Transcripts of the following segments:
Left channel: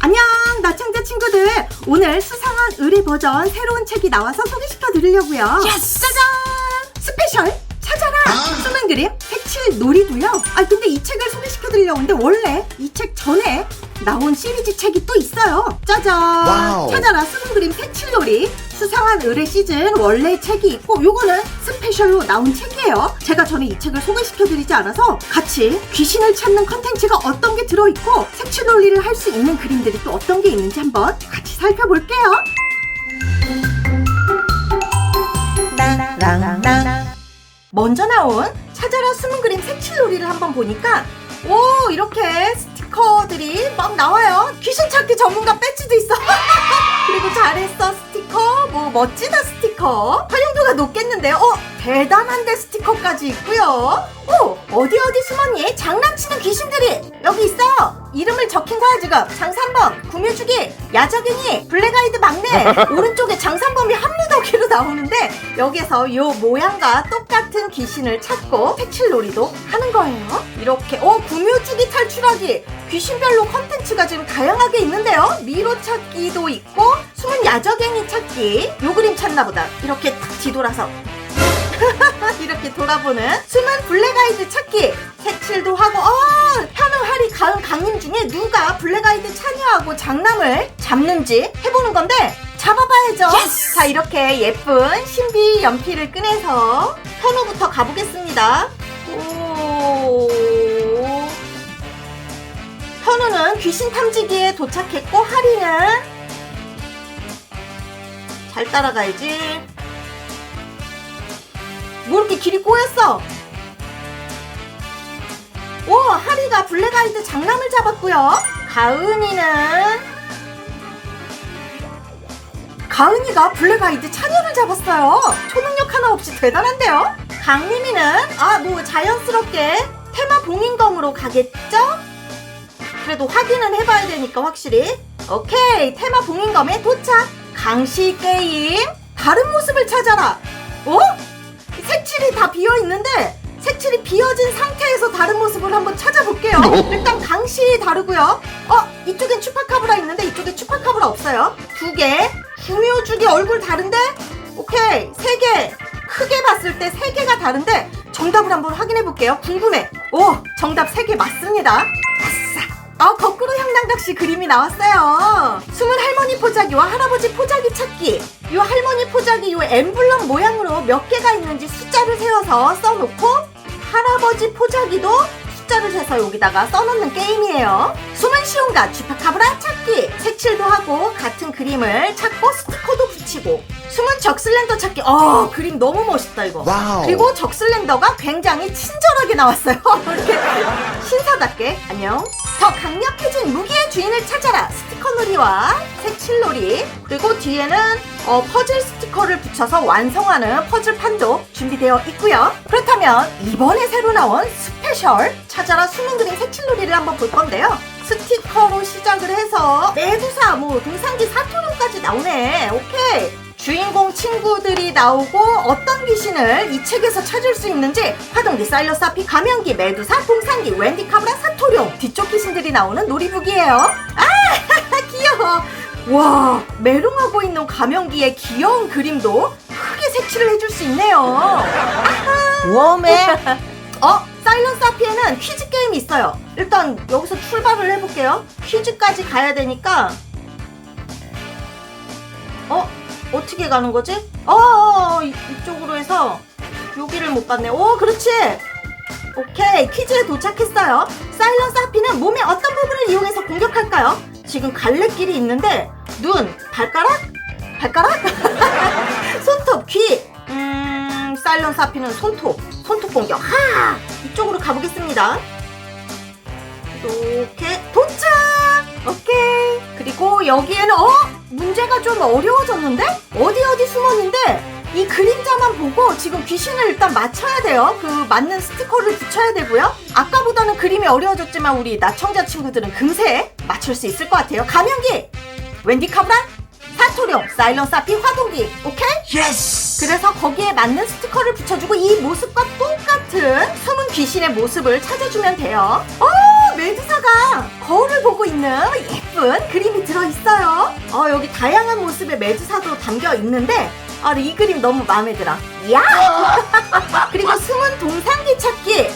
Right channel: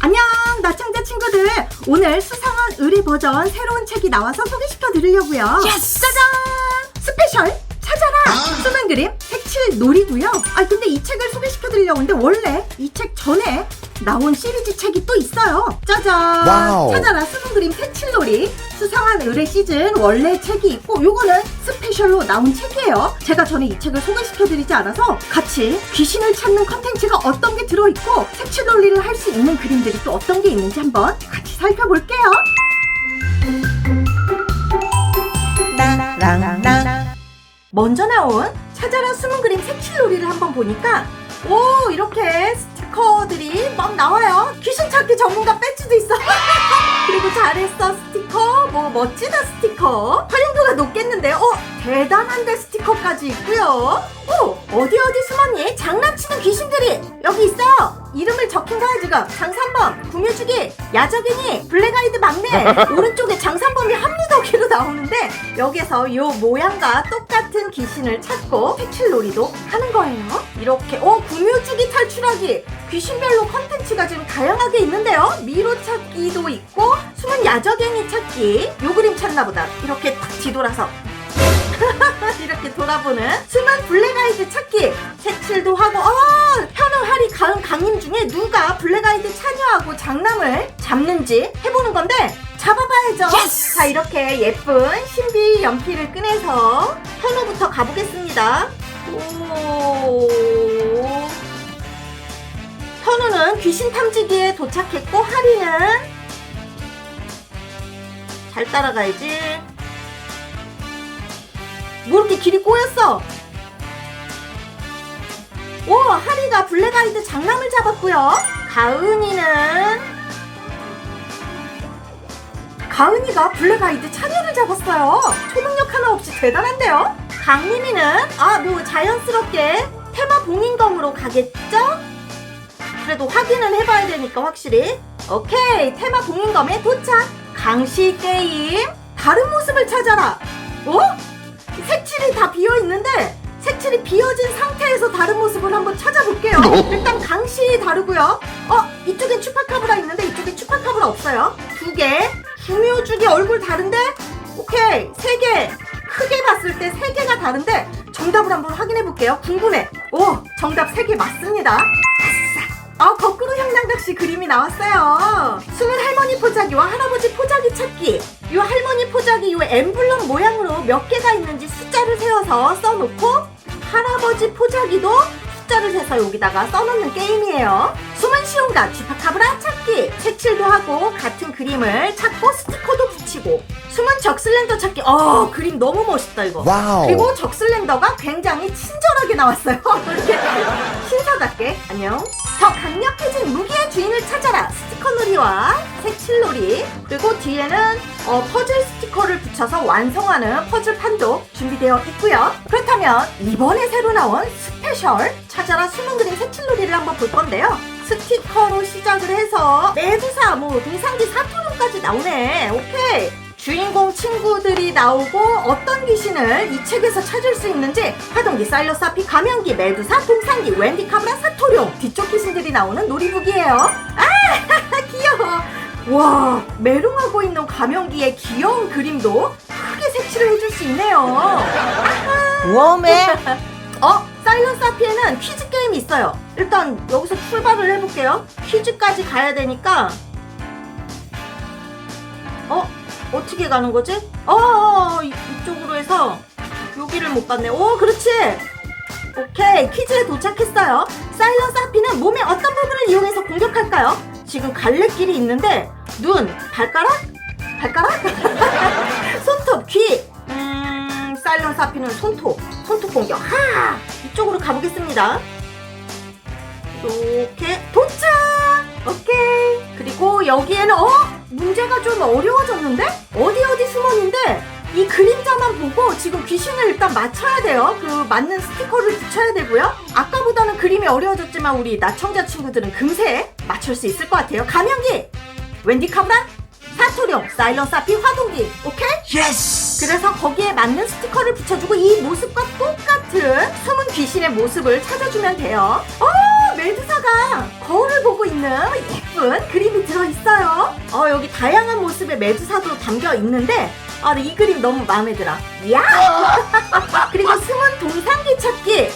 안녕 나청자 친구들. 오늘 수상한 의리 버전 새로운 책이 나와서 소개시켜 드리려고요. 예스! 짜잔! 스페셜? 찾아라! 숨은 그림? 색칠 놀이고요. 아 근데 이 책을 소개시켜 드리려고 하는데 원래 이 책 전에 나온 시리즈 책이 또 있어요. 짜잔. 와우. 찾아라. 숨은 그림 색칠 놀이. 수상한 의뢰 시즌. 원래 책이 있고 요거는 스페셜로 나온 책이에요. 제가 전에 이 책을 소개시켜 드리지 않아서 같이 귀신을 찾는 컨텐츠가 어떤 게 들어있고 색칠 논리를 할 수 있는 그림들이 또 어떤 게 있는지 한번 같이 살펴볼게요. 먼저 나온 찾아라 숨은 그림 색칠놀이를 한번 보니까 오 이렇게 스티커들이 막 나와요. 귀신 찾기 전문가 배지도 있어. 그리고 잘했어 스티커. 뭐 멋지다 스티커. 활용도가 높겠는데요 어 대단한데 스티커까지 있고요. 오 어디 어디 숨었니? 장난치는 귀신들이 여기 있어요 이름을 적힌 거야 지금 장산범 구매주기 야적이니 블랙아이드 막내. 오른쪽에 장산범이 한 무더기로 나오는데 여기서 요 모양과 똑같은 귀신을 찾고 색칠놀이도 하는 거예요. 이렇게 어 구묘주기 탈출하기. 귀신별로 컨텐츠가 지금 다양하게 있는데요. 미로 찾기도 있고 숨은 야적행이 찾기. 요 그림 찾나 보다. 이렇게 딱 뒤돌아서 이렇게 돌아보는 숨은 블랙아이드 찾기. 색칠도 하고 아 현우 하리 가은 강림 중에 누가 블랙아이드 참여하고 장남을 잡는지 해보는 건데 잡아봐야죠. Yes! 자 이렇게 예쁜 신비 연필을 꺼내서 현우부터 가보겠습니다. 오. 현우는 귀신 탐지기에 도착했고 하리는 잘 따라가야지 뭐 이렇게 길이 꼬였어? 오, 하리가 블랙아이드 장남을 잡았고요. 가은이는 가은이가 블랙아이드 차녀를 잡았어요. 초능력 하나 없이 대단한데요. 강림이는 아, 뭐 자연스럽게 테마 봉인검으로 가겠죠? 그래도 확인은 해봐야 되니까 확실히. 오케이, 테마 봉인검에 도착. 강시 게임 다른 모습을 찾아라. 어? 색칠이 다 비어 있는데 색칠이 비어진 상태에서 다른 모습을 한번 찾아볼게요. 일단 강시 다르고요. 어 이쪽엔 추파카브라 있는데 이쪽에 추파카브라 없어요. 두 개. 구묘주기 얼굴 다른데 오케이 세 개. 크게 봤을 때 세 개가 다른데 정답을 한번 확인해 볼게요. 궁금해. 오 정답 세 개 맞습니다. 아 거꾸로 향당각시 그림이 나왔어요. 숨은 할머니 포자기와 할아버지 포자기 찾기. 요 할머니 포자기 요 엠블럼 모양으로 몇 개가 있는지 숫자를 세워서 써놓고 할아버지 포자기도 숫자를 세서 여기다가 써놓는 게임이에요. 숨은 시온과 쥐파카브라 찾기. 색칠도 하고 같은 그림을 찾고 스티커도 붙이고. 숨은 적슬렌더 찾기. 어 그림 너무 멋있다 이거. 와우. 그리고 적슬렌더가 굉장히 친절하게 나왔어요. 신사답게 안녕. 더 강력해진 무기의 주인을 찾아라. 스티커 놀이와 색칠 놀이. 그리고 뒤에는 어, 퍼즐 스티커를 붙여서 완성하는 퍼즐 판도 준비되어 있고요. 그렇다면 이번에 새로 나온 스페셜 찾아라 숨은 그림 색칠 놀이를 한번 볼 건데요. 스티커로 시작을 해서 내부사 뭐 동상지 사토론까지 나오네. 오케이. 주인공 친구들이 나오고 어떤 귀신을 이 책에서 찾을 수 있는지 화동기, 사일러사피, 가면기, 메두사, 동상기, 웬디 카브라, 사토룡 뒤쪽 귀신들이 나오는 놀이북이에요. 아 귀여워. 와 메롱하고 있는 가면기의 귀여운 그림도 크게 색칠을 해줄 수 있네요. 웜에 어? 사일런스 아피에는 퀴즈 게임이 있어요. 일단 여기서 출발을 해볼게요. 퀴즈까지 가야 되니까 어? 어떻게 가는 거지? 어, 이쪽으로 해서 여기를 못 봤네. 오, 그렇지. 오케이, 퀴즈에 도착했어요. 사일런스 하피는 몸의 어떤 부분을 이용해서 공격할까요? 지금 갈래길이 있는데 눈, 발가락? 발가락? 손톱, 귀. 음, 사일런스 하피는 손톱, 손톱 공격. 하! 이쪽으로 가보겠습니다. 이렇게 도착! 오케이. 그리고 여기에는 어? 문제가 좀 어려워졌는데? 어디 어디 숨었는데? 이 그림자만 보고 지금 귀신을 일단 맞춰야 돼요. 그 맞는 스티커를 붙여야 되고요. 아까보다는 그림이 어려워졌지만 우리 나청자 친구들은 금세 맞출 수 있을 것 같아요. 가면기, 웬디 카브라, 사토룡, 사일런스 아피, 화동기. 오케이? 예스. 그래서 거기에 맞는 스티커를 붙여주고 이 모습과 똑같은 숨은 귀신의 모습을 찾아주면 돼요. 어, 메두사가 거울을 보고 있는 예쁜 그림이 있어요. 어, 여기 다양한 모습의 메두사도 담겨 있는데, 아, 이 그림 너무 마음에 들어. 야! 그리고 숨은 동상기 찾기.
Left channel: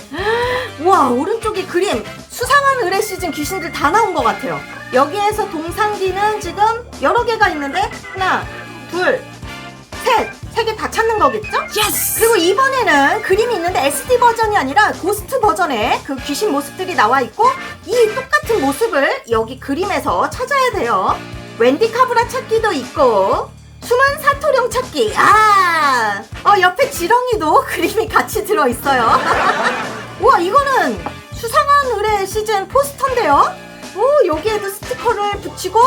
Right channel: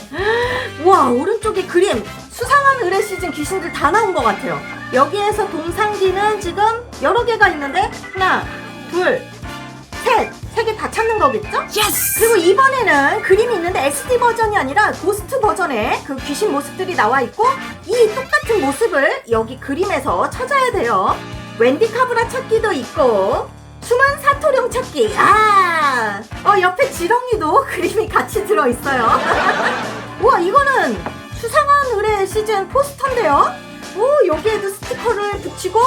와, 오른쪽에 그림. 수상한 의뢰 시즌 귀신들 다 나온 것 같아요. 여기에서 동상기는 지금 여러 개가 있는데, 하나, 둘, 셋. 세 개 다 찾는 거겠죠? 예스! 그리고 이번에는 그림이 있는데 SD 버전이 아니라 고스트 버전의 그 귀신 모습들이 나와 있고 이 똑같은 모습을 여기 그림에서 찾아야 돼요. 웬디 카브라 찾기도 있고 숨은 사토령 찾기. 아, 어 옆에 지렁이도 그림이 같이 들어 있어요. 우와 이거는 수상한 의뢰 시즌 포스터인데요. 오 여기에도 스티커를 붙이고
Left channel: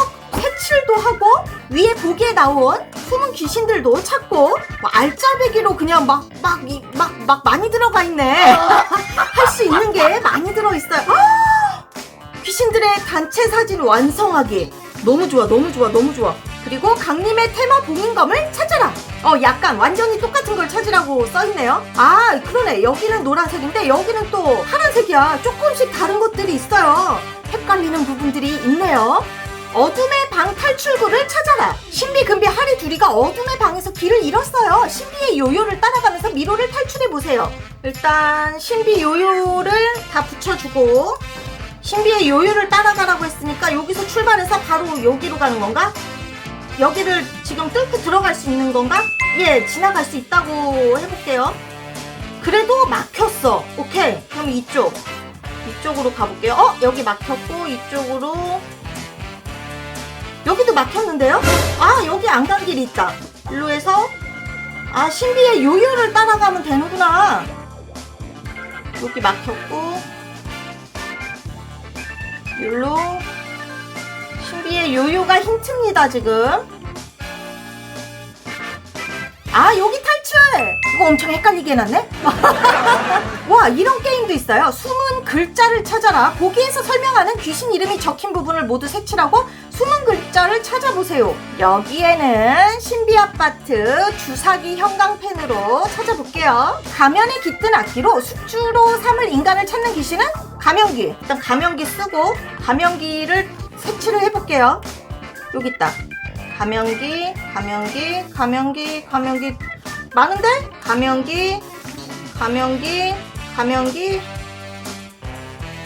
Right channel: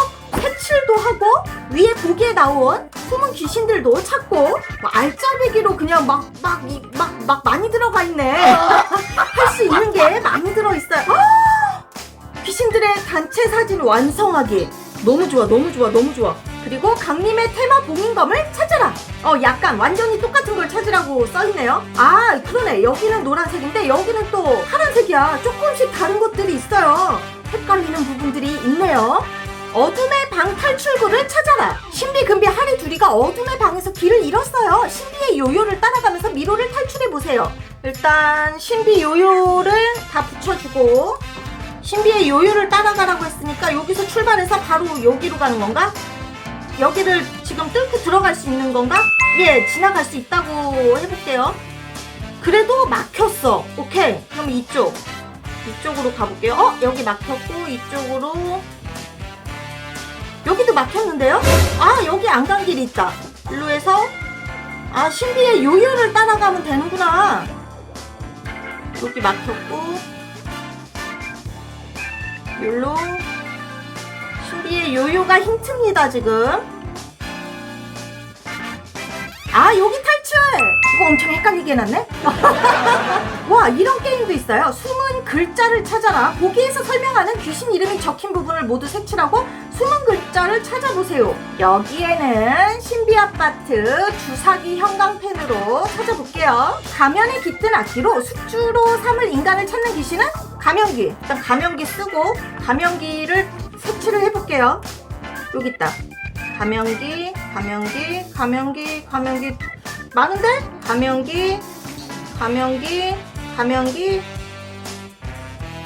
색칠도 하고 위에 보기에 나온 숨은 귀신들도 찾고 뭐 알짜배기로 그냥 막 막 막 막 많이 들어가 있네. 할 수 있는 게 많이 들어 있어요. 아! 귀신들의 단체 사진 완성하기. 너무 좋아, 너무 좋아, 너무 좋아. 그리고 강림의 테마 봉인검을 찾아라. 어, 약간 완전히 똑같은 걸 찾으라고 써있네요. 아, 그러네. 여기는 노란색인데 여기는 또 파란색이야. 조금씩 다른 것들이 있어요. 헷갈리는 부분들이 있네요. 어둠의 방 탈출구를 찾아라. 신비, 금비, 하리 둘이가 어둠의 방에서 길을 잃었어요. 신비의 요요를 따라가면서 미로를 탈출해 보세요. 일단 신비 요요를 다 붙여주고 신비의 요요를 따라가라고 했으니까 여기서 출발해서 바로 여기로 가는 건가? 여기를 지금 뚫고 들어갈 수 있는 건가? 예, 지나갈 수 있다고 해볼게요. 그래도 막혔어. 오케이. 그럼 이쪽. 이쪽으로 가볼게요. 어? 여기 막혔고, 이쪽으로. 여기도 막혔는데요? 아, 여기 안 간 길이 있다. 일로 해서, 아, 신비의 요요를 따라가면 되는구나. 여기 막혔고, 일로. 신비의 요요가 힌트입니다, 지금. 아, 여기 탈출! 이거 엄청 헷갈리게 해놨네? 와, 이런 게임도 있어요. 숨은 글자를 찾아라. 보기에서 설명하는 귀신 이름이 적힌 부분을 모두 색칠하고 숨은 글자를 찾아보세요. 여기에는 신비 아파트 주사기 형광펜으로 찾아볼게요. 가면에 깃든 악기로 숙주로 삼을 인간을 찾는 귀신은 가면기. 일단 가면기 쓰고 가면기를 색칠을 해볼게요. 여기 있다. 가면기, 가면기, 가면기, 가면기 많은데? 가면기, 가면기, 가면기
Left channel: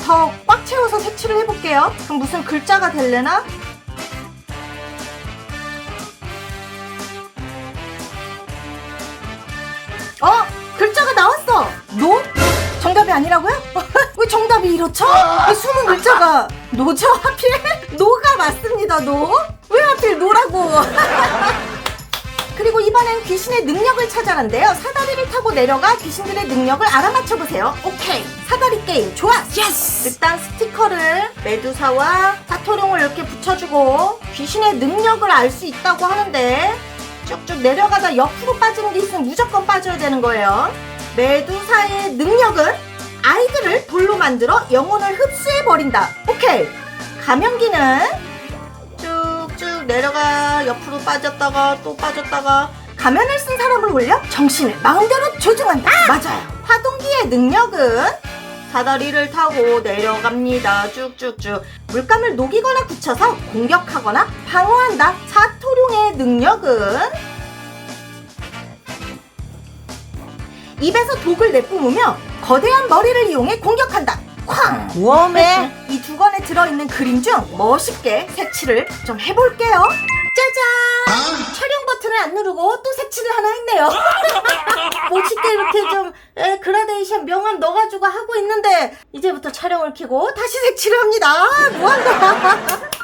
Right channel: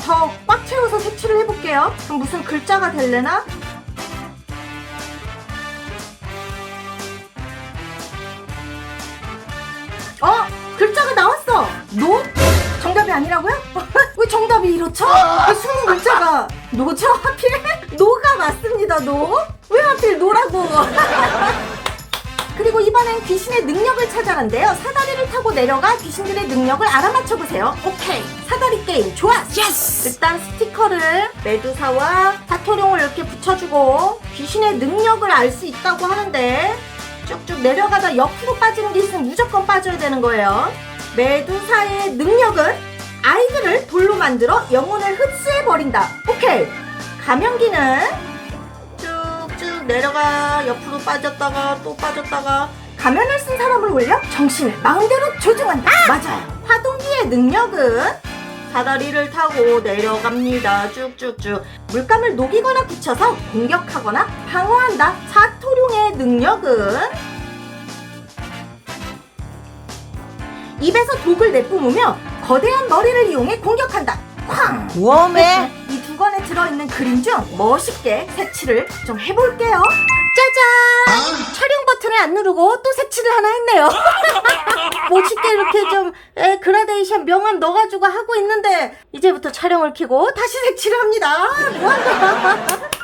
더 꽉 채워서 색칠을 해볼게요. 그럼 무슨 글자가 될래나? 어? 글자가 나왔어! 노? 정답이 아니라고요? 왜 정답이 이렇죠? 왜 숨은 글자가 노죠? 하필? 노가 맞습니다, 노. 왜 하필 노라고? 그리고 이번엔 귀신의 능력을 찾아란대요. 사다리를 타고 내려가 귀신들의 능력을 알아맞혀 보세요. 오케이. 사다리 게임 좋아. 예스! 일단 스티커를 메두사와 사토룡을 이렇게 붙여주고 귀신의 능력을 알 수 있다고 하는데 쭉쭉 내려가다 옆으로 빠지는 게 있으면 무조건 빠져야 되는 거예요. 메두사의 능력은 아이들을 돌로 만들어 영혼을 흡수해 버린다. 오케이. 쭉쭉 내려가 옆으로 빠졌다가 또 빠졌다가 가면을 쓴 사람을 올려 정신을 마음대로 조종한다. 맞아요. 화동기의 능력은 사다리를 타고 내려갑니다. 쭉쭉쭉. 물감을 녹이거나 굳혀서 공격하거나 방어한다. 사토룡의 능력은 입에서 독을 내뿜으며 거대한 머리를 이용해 공격한다. 쾅! 웜에 이 두 권에 들어있는 그림 중 멋있게 색칠을 좀 해볼게요. 짜잔! 촬영 버튼을 안 누르고 또 색칠을 하나 했네요. 멋있게 이렇게 좀 에, 그라데이션 명암 넣어가지고 하고 있는데 이제부터 촬영을 켜고 다시 색칠을 합니다. 뭐한다.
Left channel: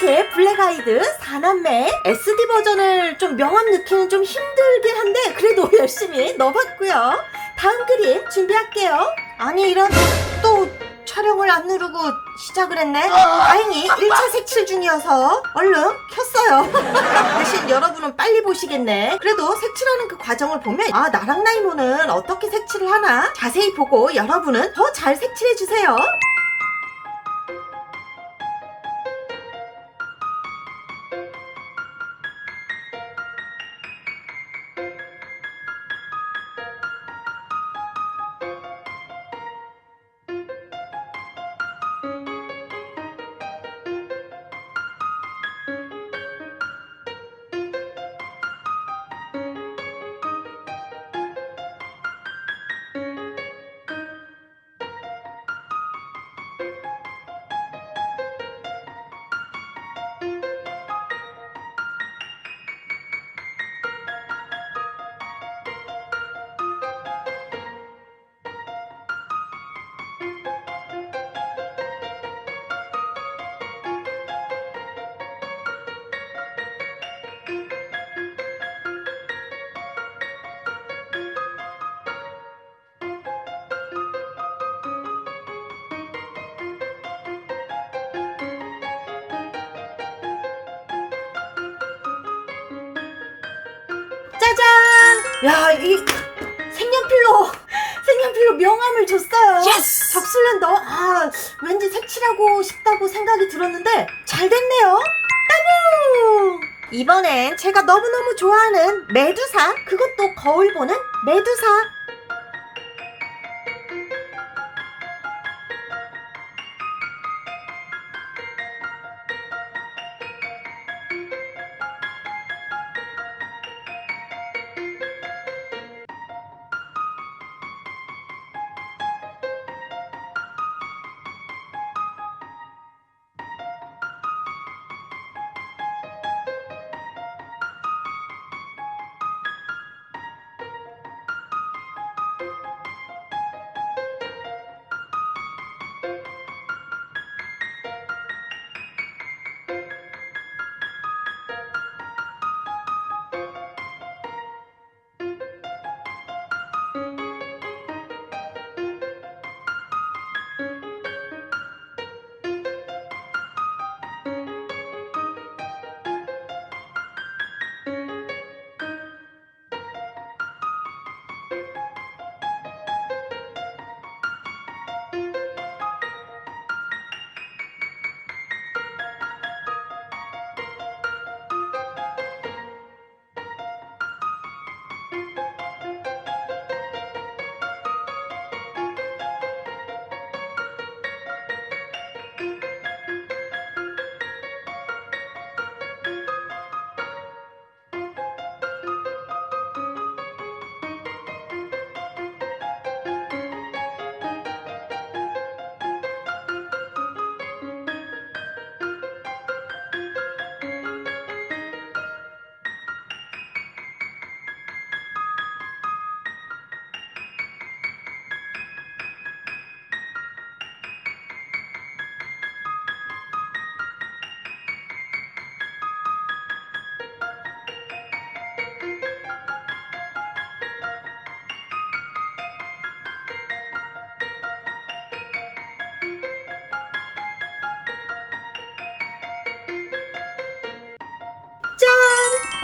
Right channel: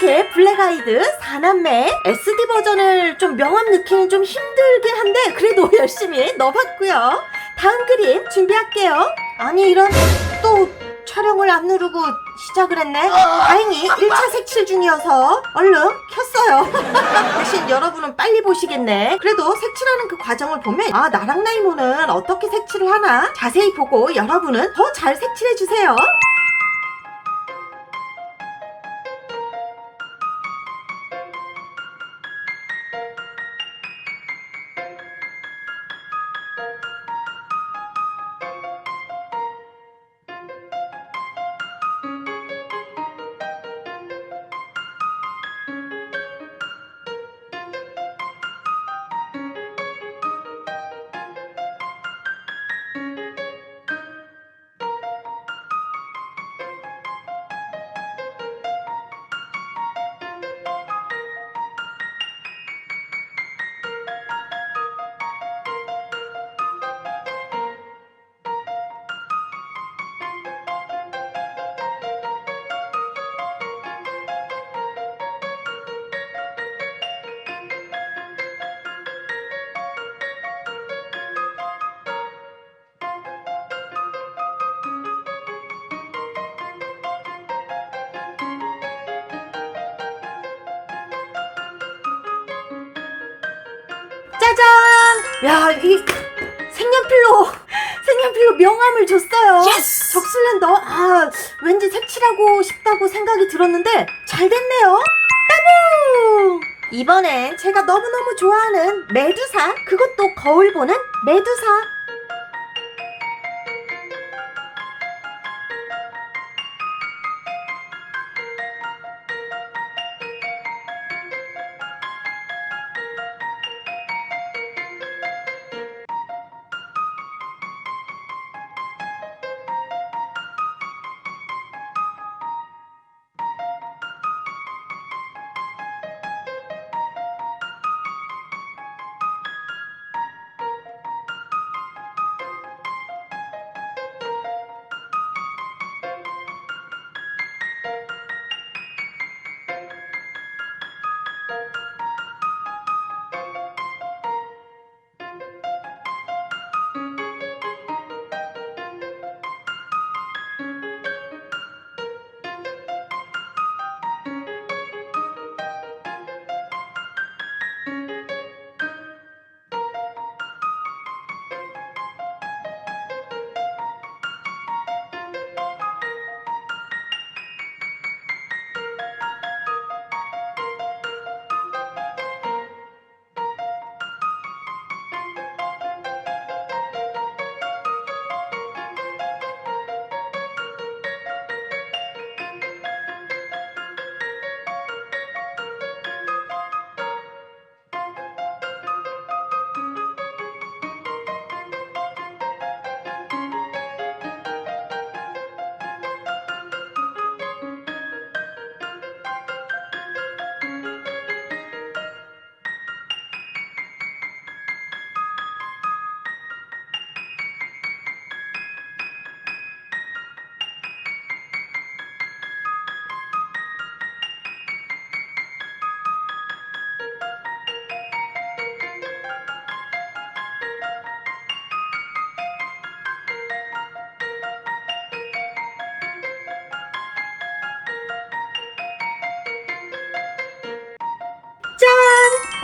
이렇게 블랙아이드 4남매 SD 버전을 좀 명암 넣기는 좀 힘들긴 한데 그래도 열심히 넣어봤고요. 다음 그림 준비할게요. 아니 이런 또 촬영을 안 누르고 시작을 했네. 다행히 1차 색칠 중이어서 얼른 켰어요. 대신 여러분은 빨리 보시겠네. 그래도 색칠하는 그 과정을 보면 아 나랑 나이모는 어떻게 색칠을 하나 자세히 보고 여러분은 더 잘 색칠해 주세요. 짜잔! 야, 이 색연필로 색연필로 명암을 줬어요. 예스! 적슬렌더. 아, 왠지 색칠하고 싶다고 생각이 들었는데 잘 됐네요. 따봉! 이번엔 제가 너무너무 좋아하는 메두사. 그것도 거울 보는 메두사.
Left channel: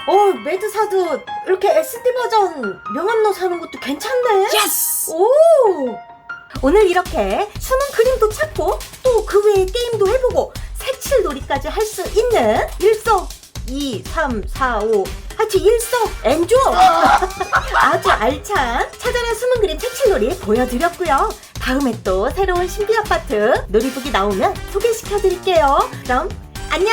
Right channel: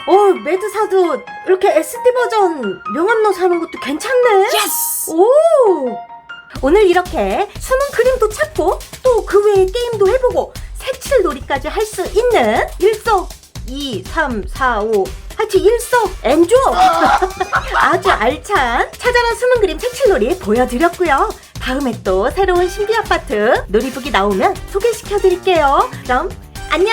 어, 메두사도 이렇게 SD 버전 명암로 사는 것도 괜찮네. 예스! 오! 오늘 이렇게 숨은 그림도 찾고 또 그 외에 게임도 해보고 색칠 놀이까지 할 수 있는 일석 2, 3, 4, 5 하여튼 일석엔조 아주 알찬 찾아라 숨은 그림 색칠 놀이 보여드렸고요. 다음에 또 새로운 신비 아파트 놀이북이 나오면 소개시켜드릴게요. 그럼 안녕!